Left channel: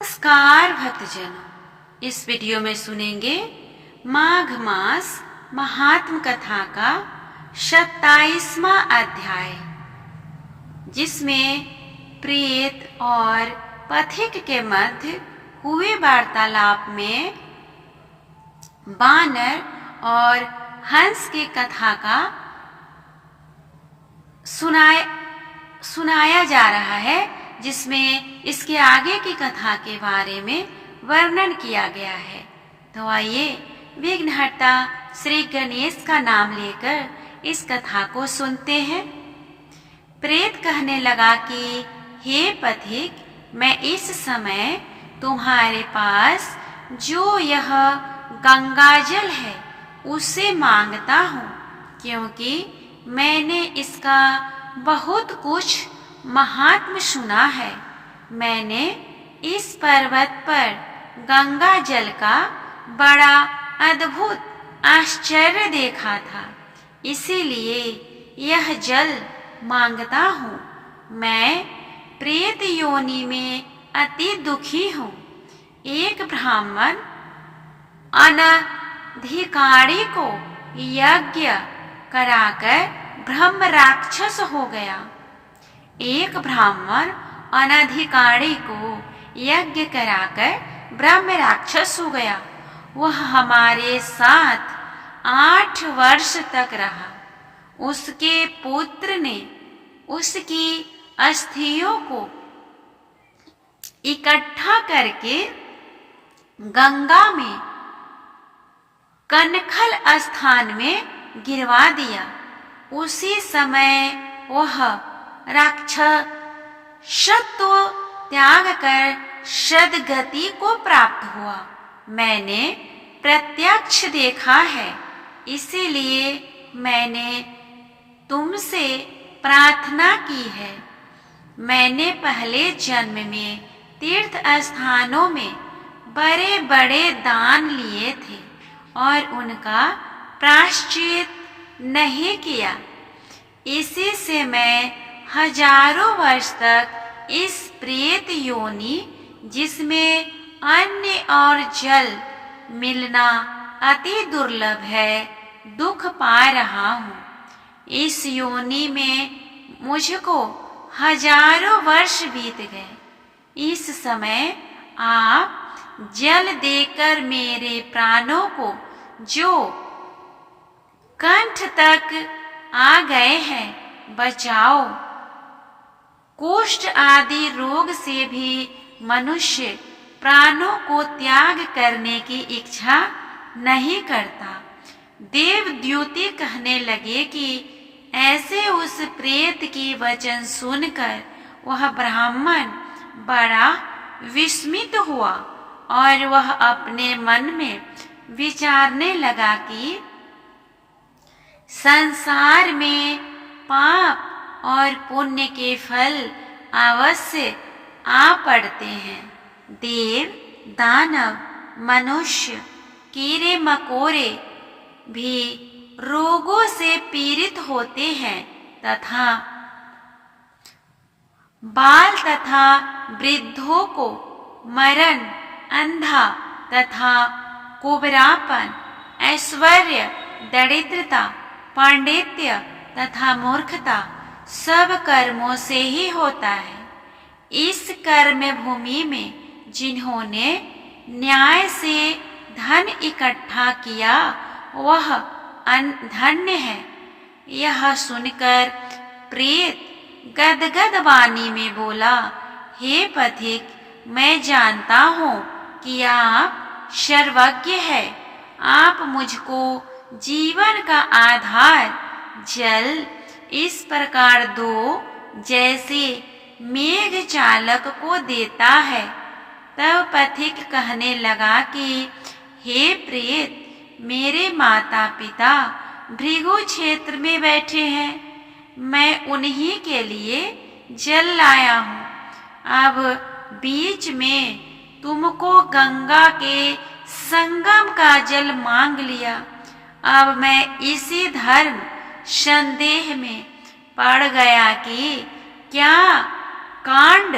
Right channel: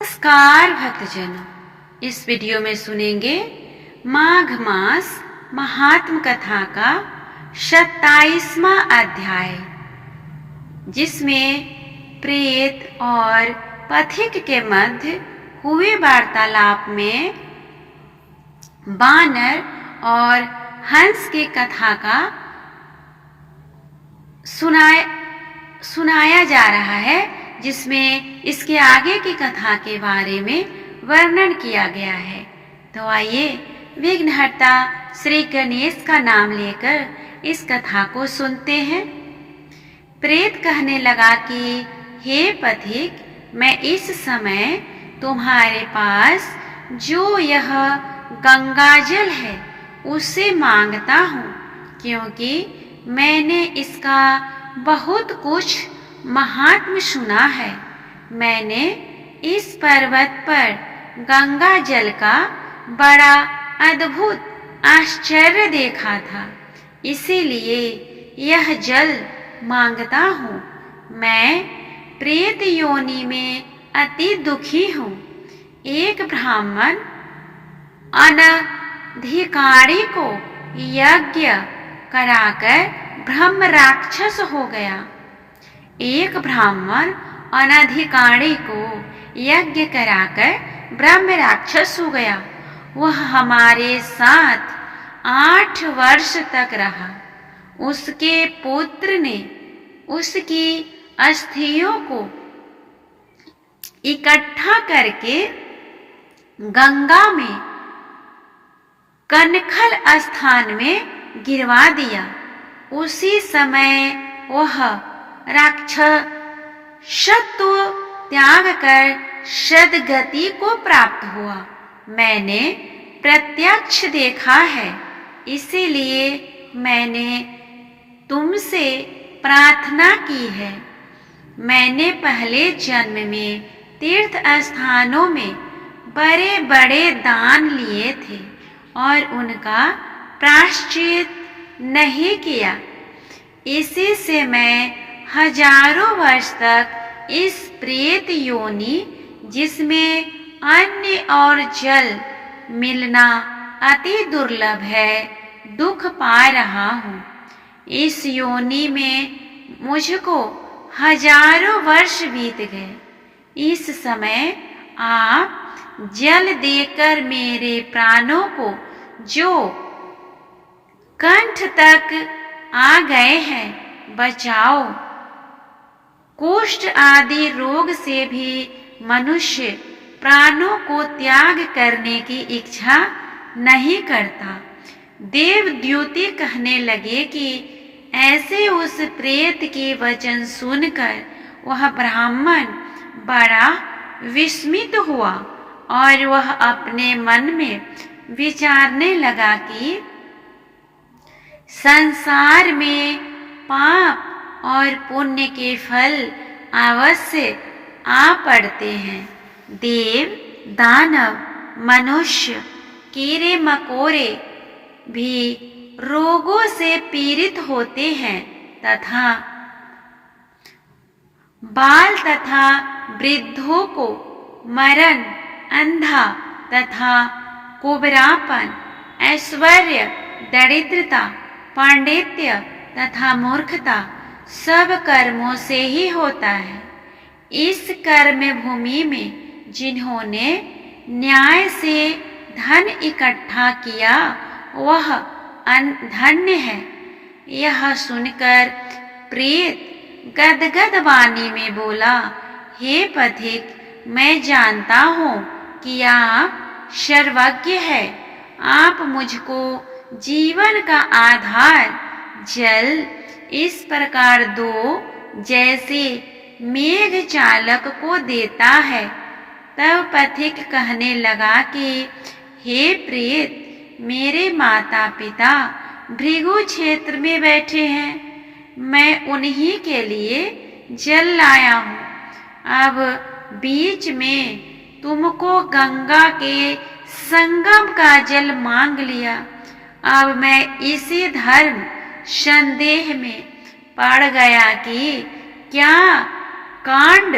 नमस्कार भक्तजनों, इस वीडियो में सुनेंगे माघ मास महात्म कथा का 27वां अध्याय, जिसमें प्रेत और पथिक के मध्य हुए वार्तालाप में बानर और हंस की कथा का सुनाया जा रहा है, जिसमें इसके आगे की कथा के बारे में वर्णन किया गया है। तो आइए विघ्नहर्ता श्री गणेश का नाम लेकर इस कथा को सुनते हैं। प्रेत कहने लगा कि हे पथिक, मैं इस समय तुम्हारे पास जो यह गंगाजल है उसे मांगता हूँ, क्योंकि मैंने इसका बहुत कुछ महात्म्य सुना है। मैंने इस पर्वत पर गंगा जल का बड़ा अद्भुत आश्चर्य देखा था, इसीलिए यह जल मांगता हूँ। मैं प्रेत योनि में अति दुखी हूँ। एक ब्राह्मण अनधिकारी को यज्ञ कराकर ब्रह्म राक्षस हो गया। एक ब्राह्मण अनधिकारी को यज्ञ कराकर ब्रह्म राक्षस हो गया। वह हमारे साथ 8 वर्ष तक रहा। उसके पुत्र ने उसकी अस्थियों को इकट्ठा करके गंगा में कनखल स्थान में गिरवा दिया। उसी समय वह राक्षसत्व त्याग कर सद्गति को प्राप्त हुआ। मैंने प्रत्यक्ष देखा है, इसीलिए मैंने तुमसे प्रार्थना की है। मैंने पहले जन्म में तीर्थ स्थानों में बड़े बड़े दान लिए थे और उनका प्रायश्चित नहीं किया। इसी से मैं हजारों वर्ष तक इस प्रेत योनि, जिसमें अन्न और जल मिलना अति दुर्लभ है, दुख पा रहा हूँ। इस योनि में मुझको हजारों वर्ष बीत गए। इस समय आप जल देकर मेरे प्राणों को, जो कंठ तक आ गए हैं, बचाओ। कुष्ठ आदि रोग से भी मनुष्य प्राणों को त्याग करने की इच्छा नहीं करता। देवद्युति कहने लगे कि ऐसे उस प्रेत के वचन सुनकर वह ब्राह्मण बड़ा विस्मित हुआ और वह अपने मन में विचारने लगा कि संसार में पाप और पुण्य के फल अवश्य आ पड़ते हैं। देव, दानव, मनुष्य, कीड़े मकोड़े भी रोगों से पीड़ित होते हैं तथा बाल तथा वृद्धों को मरण, अंधा तथा कुबरापन, ऐश्वर्य, दरिद्रता, पांडित्य तथा मूर्खता सब कर्मों से ही होता है। इस कर्म भूमि में जिन्होंने न्याय से धन इकट्ठा किया वह धन्य है। यह सुनकर प्रेत गदगद वाणी में बोला, हे पथिक, मैं जानता हूँ कि आप सर्वज्ञ है। आप मुझको जीवन का आधार जल इस प्रकार दो जैसे मेघ चालक को देता है। तब पथिक कहने लगा कि हे प्रेत, मेरे माता पिता भृगु क्षेत्र में बैठे हैं। मैं उन्हीं के लिए जल लाया हूँ। अब बीच में तुमको गंगा के संगम का जल मांग लिया। अब मैं इसी धर्म संदेह में पड़ गया कि क्या कांड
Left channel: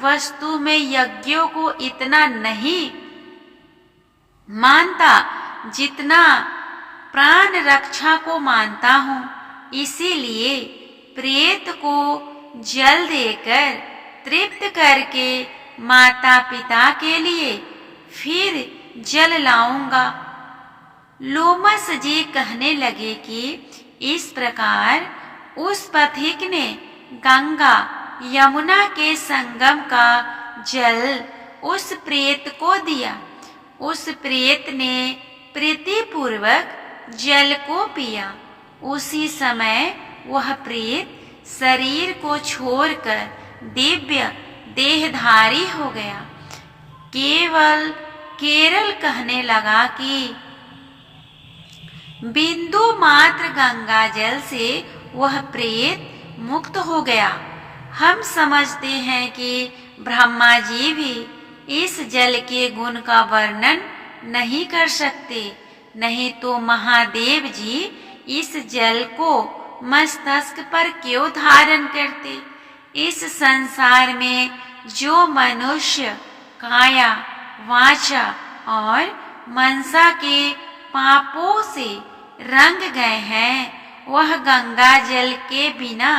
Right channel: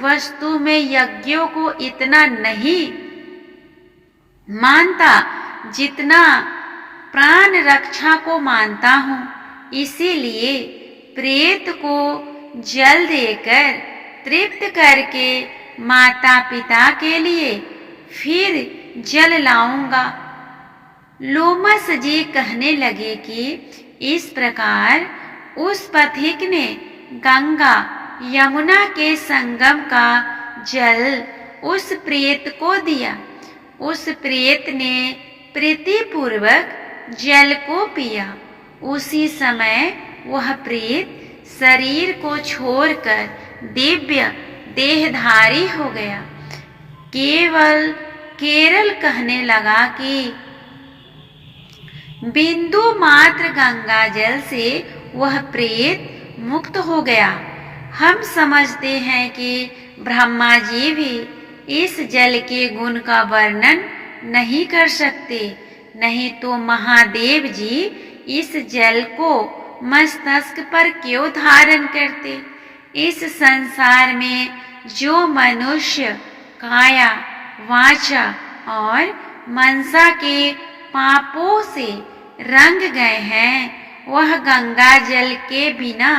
वस्तु में यज्ञों को इतना नहीं मानता जितना प्राण रक्षा को मानता हूँ। इसीलिए प्रेत को जल देकर तृप्त करके माता पिता के लिए फिर जल लाऊंगा। लोमस जी कहने लगे कि इस प्रकार उस पथिक ने गंगा यमुना के संगम का जल उस प्रेत को दिया। उस प्रेत ने प्रीतिपूर्वक जल को पिया। उसी समय वह प्रेत शरीर को छोड़कर दिव्य देहधारी हो गया। केरल कहने लगा कि बिंदु मात्र गंगा जल से वह प्रेत मुक्त हो गया। हम समझते हैं कि ब्रह्मा जी भी इस जल के गुण का वर्णन नहीं कर सकते, नहीं तो महादेव जी इस जल को मस्तक पर क्यों धारण करते। इस संसार में जो मनुष्य काया वाचा और मनसा के पापों से रंग गए हैं वह गंगा जल के बिना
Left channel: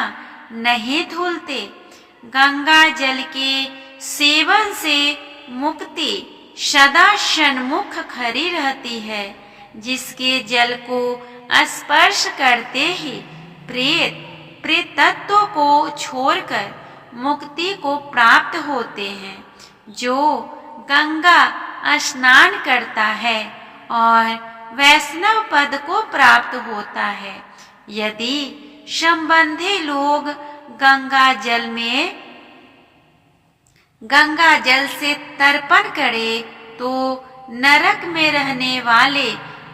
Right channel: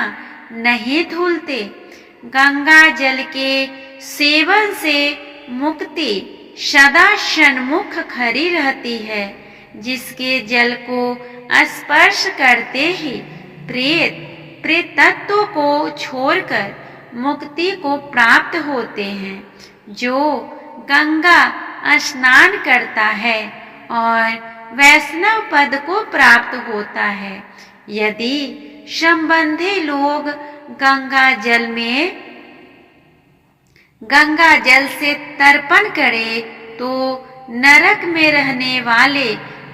नहीं धुलते। गंगा जल के सेवन से मुक्ति सदा सन्मुख खड़ी रहती है। जिसके जल को स्पर्श करते ही प्रेत तत्व को छोड़कर मुक्ति को प्राप्त होते हैं। जो गंगा स्नान करता है और वैष्णव पद को प्राप्त होता है। यदि संबंधी लोग गंगा जल से तर्पण करे तो नरक में रहने वाले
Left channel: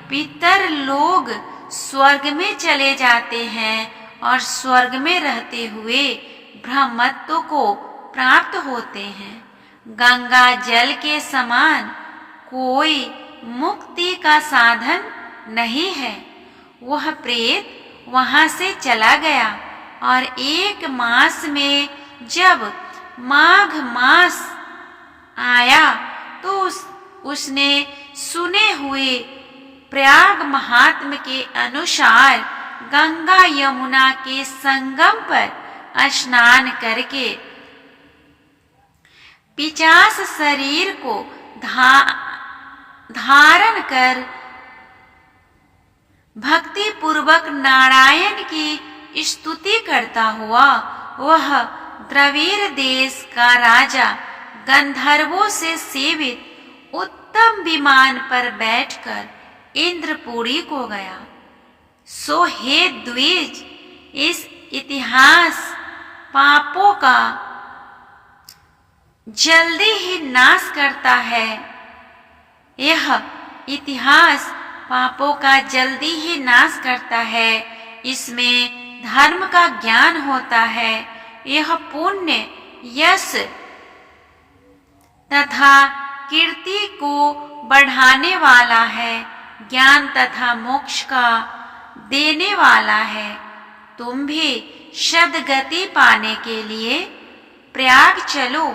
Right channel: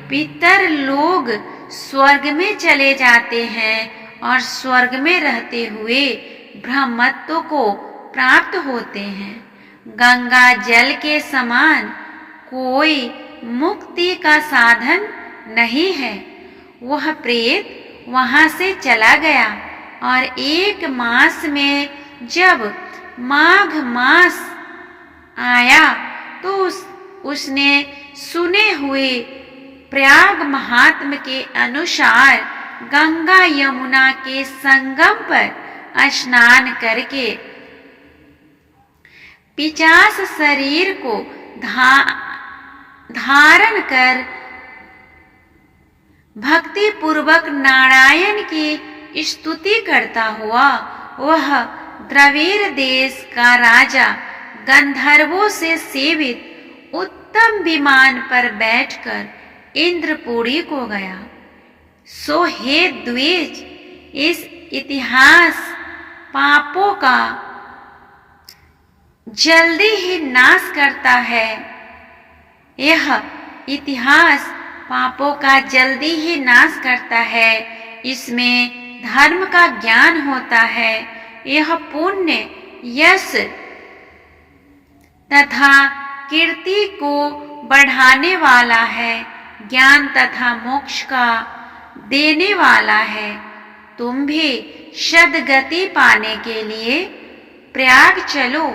पितर लोग स्वर्ग में चले जाते हैं और स्वर्ग में रहते हुए ब्रह्मत्व को प्राप्त होते हैं। गंगा जल के समान कोई मुक्ति का साधन नहीं है। वह प्रेत वहां से चला गया और 1 मास में जब माघ मास आया तो उसने सुने हुए प्रयाग महात्म के अनुसार गंगा यमुना के संगम पर स्नान करके 50 शरीर को धारण कर भक्ति पूर्वक नारायण की स्तुति करता हुआ वह द्रविड़ देश का राजा गंधर्वों से सेवित उत्तम विमान पर बैठकर इंद्रपुरी को गया। सो हे द्विज, इस इतिहास पापों का जल्दी ही नाश करता है। यह इतिहास पापों का जल्दी ही नाश करता है। इसमें धर्म का ज्ञान होता है। यह पुण्य यश तथा कीर्ति को बढ़ाने वाला है। ज्ञान तथा मोक्ष का देने वाला है। तुम भी सद्गति पाने के लिए प्रयाग चलो।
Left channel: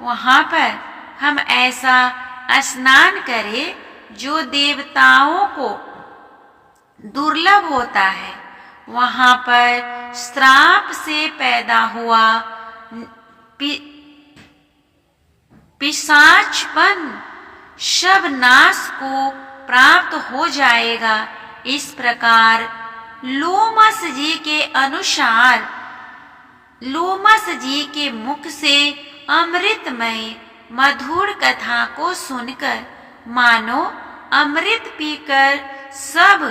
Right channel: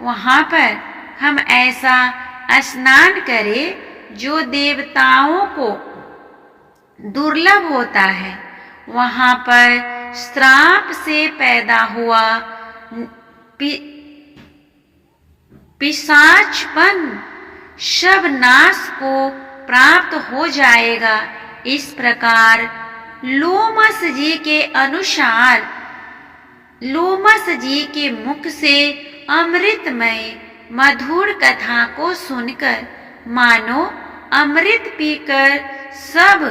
वहां पर हम ऐसा स्नान करें जो देवताओं को दुर्लभ होता है। वहां पर श्राप से पैदा हुआ पिशाचपन सब नाश को प्राप्त हो जाएगा। इस प्रकार लोमस जी के अनुसार लोमस जी के मुख से अमृतमय मधुर कथा को सुनकर मानो अमृत पीकर सब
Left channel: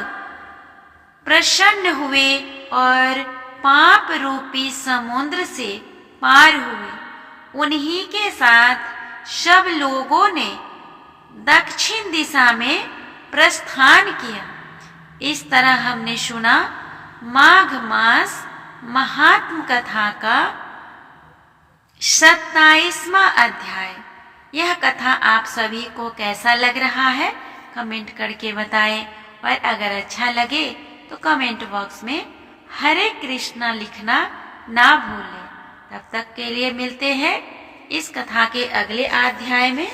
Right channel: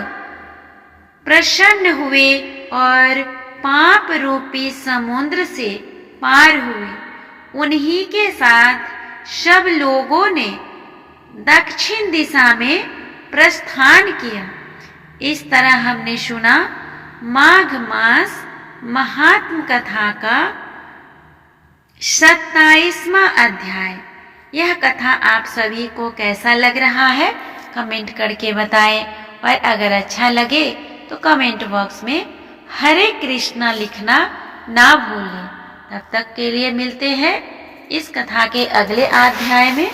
प्रसन्न हुए और पाप रूपी समुद्र से पार हुए। उन्हीं के साथ सब लोगों ने दक्षिण दिशा में प्रस्थान किया। इस तरह हमने सुना माघ मास महात्म कथा का 27वां अध्याय। यह कथा आप सभी को कैसा लग रहा है कमेंट करके बताएं, और अगर अच्छा लगे तो कमेंट बॉक्स में हरे कृष्णा लिखना ना भूलें। तब तक के लिए मिलते हैं इस कथा के अगले अध्याय में।